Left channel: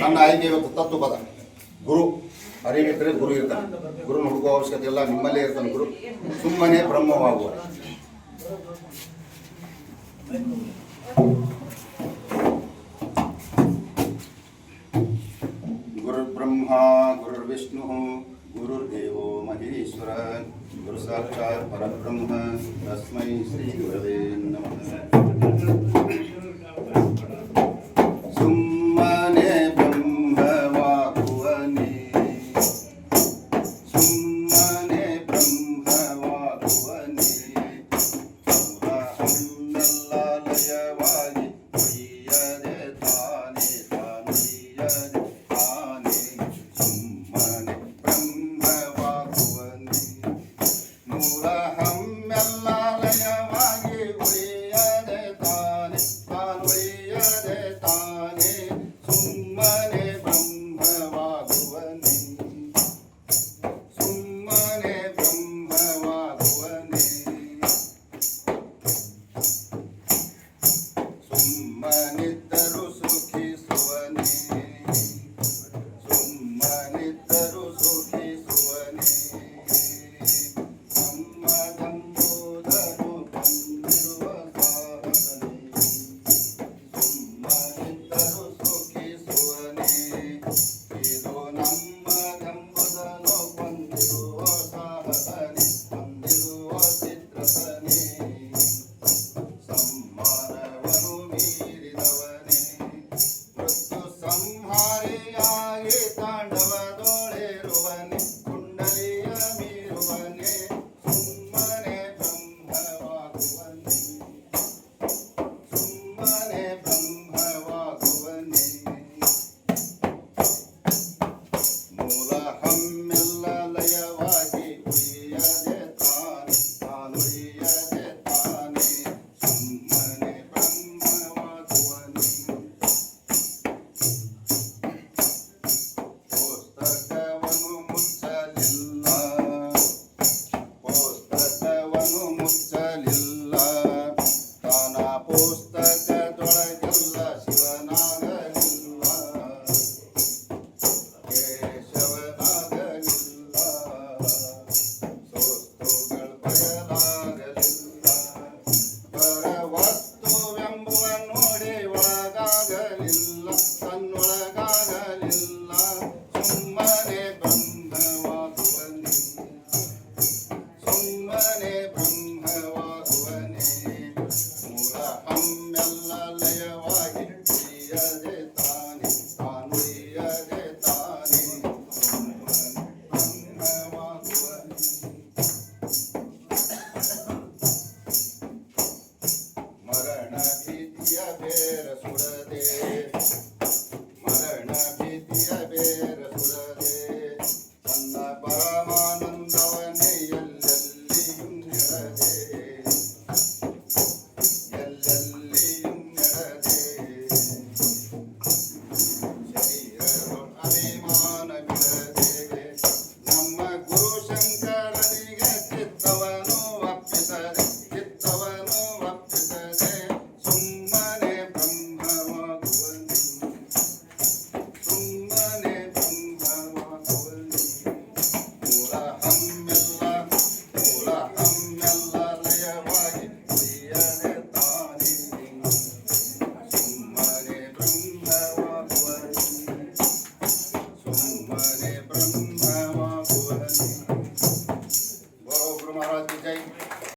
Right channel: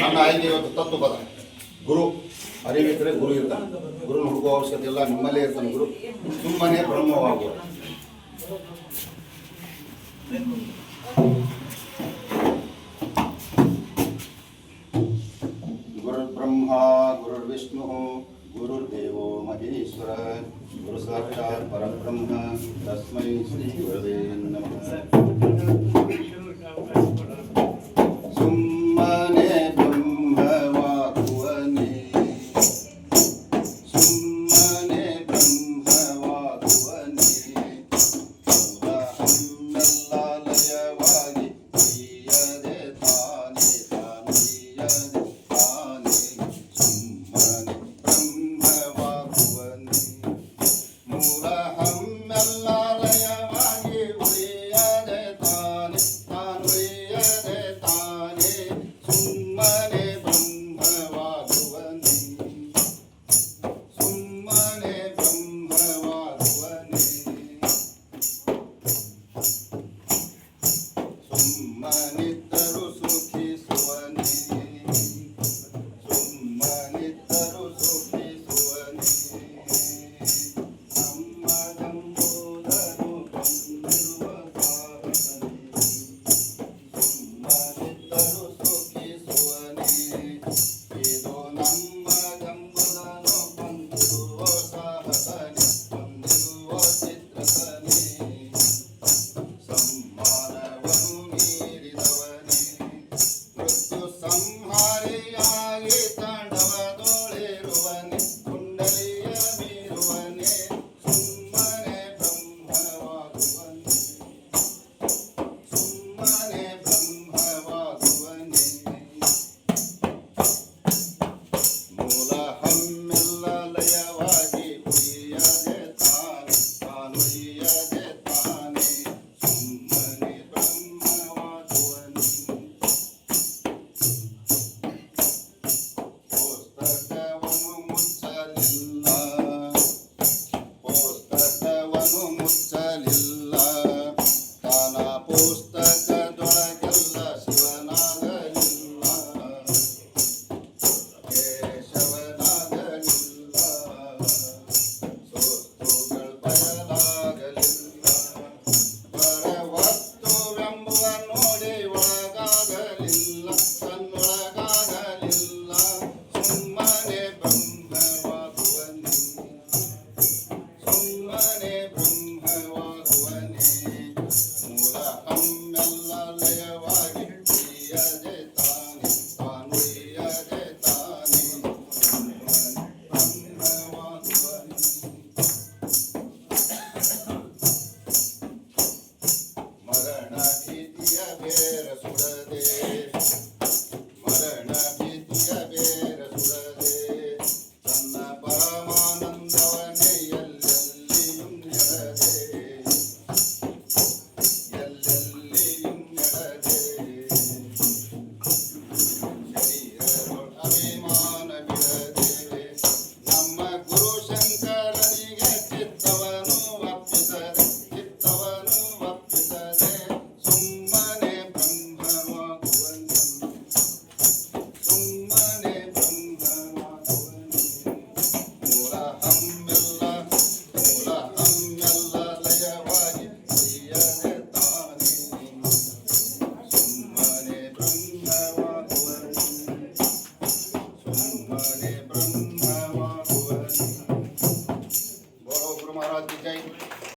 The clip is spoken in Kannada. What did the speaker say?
ನನ್ನ ಆಯ್ಕೆ ಇವತ್ತು ತತ್ವಪದ ಗುರು. ಅರಿವಿಟ್ಟರೆ ಗುರು ಇರ್ತಾನೆ. ಗುರುನ ಹುಡುಕುವ ಅವಶ್ಯಕತೆ ಇಲ್ಲ, ನಿಮ್ಮಲ್ಲೇ ಇರ್ತಾನೆ ಗುರು. ಸುಮ್ಮನೆ ಬ್ರಹ್ಮವಾಗುವ. ಗುರುರ್ಬ್ರಹ್ಮ ಗುರುರ್ವಿಷ್ಣು ಗುರುರ್ದೇವೋ ಮಹೇಶ್ವರ ಗುರು ಸಾಕ್ಷಾತ್ ಪರಬ್ರಹ್ಮ ತಸ್ಮೈ ಶ್ರೀ ಗುರವೇ ನಮಃ. ಸುಮ್ಮನೆ ಬ್ರಹ್ಮವಾಗುವನೇ, ಸುಮ್ಮನೆ ಬ್ರಹ್ಮವಾಗುವನೇ, ಮೂಲ ಲಯವಾಗಿ ಒಯ್ಯದೆ ತಾನೇ ತಾನೊಯ್ಯದೆ ತಾನೇ. ಸುಮ್ಮನೆ ಬ್ರಹ್ಮವಾಗುವನೇ, ಮೂಲ ಹಮ್ಮೆಲ್ಲ ಲಯವಾಗಿ ಒಯ್ಯದೆ ತಾನೇ ತಾನೊಯ್ಯದೆ ತಾನೇ. ಸುಮ್ಮನೆ ಬ್ರಹ್ಮವಾಗುವನೇ, ಸುಮ್ಮನೆ ಬ್ರಹ್ಮವಾಗುವನೇ. ಸುಮ್ಮನಿದ್ದರು ಸುಖಿಸುವನೇ, ಸುಮ್ಮನಿದ್ದರು ಸುಖಿಸುವನೇ. ನಮ್ಮದಂಬುದನು ಬಂದಿರುವ ಸಾಧನೆ, ಸುಮ್ಮನಿದ್ದರು ಸುಖಿಸುವನೇ. ಇದು ನಮ್ಮದಂಬುದನು ಬಂದಿರುವ ಸಾಹಸನೆ, ಬಂದಿರುವ ಚಿತ್ರಸನೆ. ಸಂಹಾರವನು ಮೀರಿದವನೇ, ಮೃತ್ಯು ಸಂಹಾರಿಯಾಗಿ ತಾಂಡವದೊಳಿರುವನೇ, ಕುಂಡಲಿಯ ಮೀರುವನೇ. ಸುಮ್ಮನೆ ಬ್ರಹ್ಮವಾಗುವನೇ, ಸುಮ್ಮನೆ ಬ್ರಹ್ಮವಾಗುವನೇ. ಮೂಲ ಹಮ್ಮೆಲ್ಲ ಲಯವಾಗಿ ಉಳಿಯದೆ ತಾನೆ ತಾನೊಯ್ಯದೆ ತಾನೇ. ಸುಮ್ಮನೆ ಬ್ರಹ್ಮವಾಗುವನೇ. ಪುಸ್ತಕವನ್ನು ಮುಚ್ಚಲಿಲ್ಲ, ಪುಸ್ತಕವನ್ನು ಮುಚ್ಚಲಿಲ್ಲ. ತಾನ ಪುಸ್ತಕದೊಳಗೆಲ್ಲ ಶಿವನಾಗಲಿಲ್ಲ, ಕೇಶವನಾಗಲಿಲ್ಲ. ಸೋಸ್ತುಗಳು ಬಯಲಾಗಲಿಲ್ಲ, ಪರವಸ್ತುವೆಂಬುವ ನೋಡಿ ಒಳಗಾಗಲಿಲ್ಲ, ತನ್ನೊಳಗಾಗಲಿಲ್ಲ. ಸುಮ್ಮನೆ ಬ್ರಹ್ಮವಾಗುವನೇ, ಸುಮ್ಮನೆ ಬ್ರಹ್ಮವಾಗುವನೇ. ಮೂಲ ಹಮ್ಮೆಲ್ಲ ಲಯವಾಗಿ ಒಯ್ಯದೆ ತಾನೇ ತಾನೊಯ್ಯದೆ ತಾನೇ. ಸುಮ್ಮನೆ ಬ್ರಹ್ಮವಾಗುವನೇ. ಮರಣ ಭೀತಿಯ ಬೇರ ಸುಡದೆ, ಮರಣ ಭೀತಿಯ ಬೇರ ಸುಡದೆ. ತನ್ನ ಪರಮಾನಂದವನ್ನೇ ಎಲ್ಲೆಲ್ಲಿಯೂ ನೆಡದೆ, ಎಲ್ಲೆಲ್ಲಿಯೂ ನೆಡದೆ. ಶರೀರದೊಳ ಅಭಿಮಾನ ಬಿಡದೆ, ನಮ್ಮ ಗುರು ಶಂಕರನಿಗೆ ಚಿತ್ತವನು ಒಪ್ಪಿಸದೆ, ಚಿತ್ತವನು ಒಪ್ಪಿಸದೆ. ಸುಮ್ಮನೆ ಬ್ರಹ್ಮವಾಗುವನೇ, ಸುಮ್ಮನೆ ಬ್ರಹ್ಮವಾಗುವನೇ. ಮೂಲ ಹಮ್ಮೆಲ್ಲ ಲಯವಾಗಿ ಒಯ್ಯದೆ ತಾನೇ. ಸುಮ್ಮನೆ ಬ್ರಹ್ಮವಾಗುವನೇ, ಸುಮ್ಮನೆ ಬ್ರಹ್ಮವಾಗುವನೇ. ಬೋಲೋ ಗುರು ಮಹಾರಾಜ್ ಕಿ ಜೈ.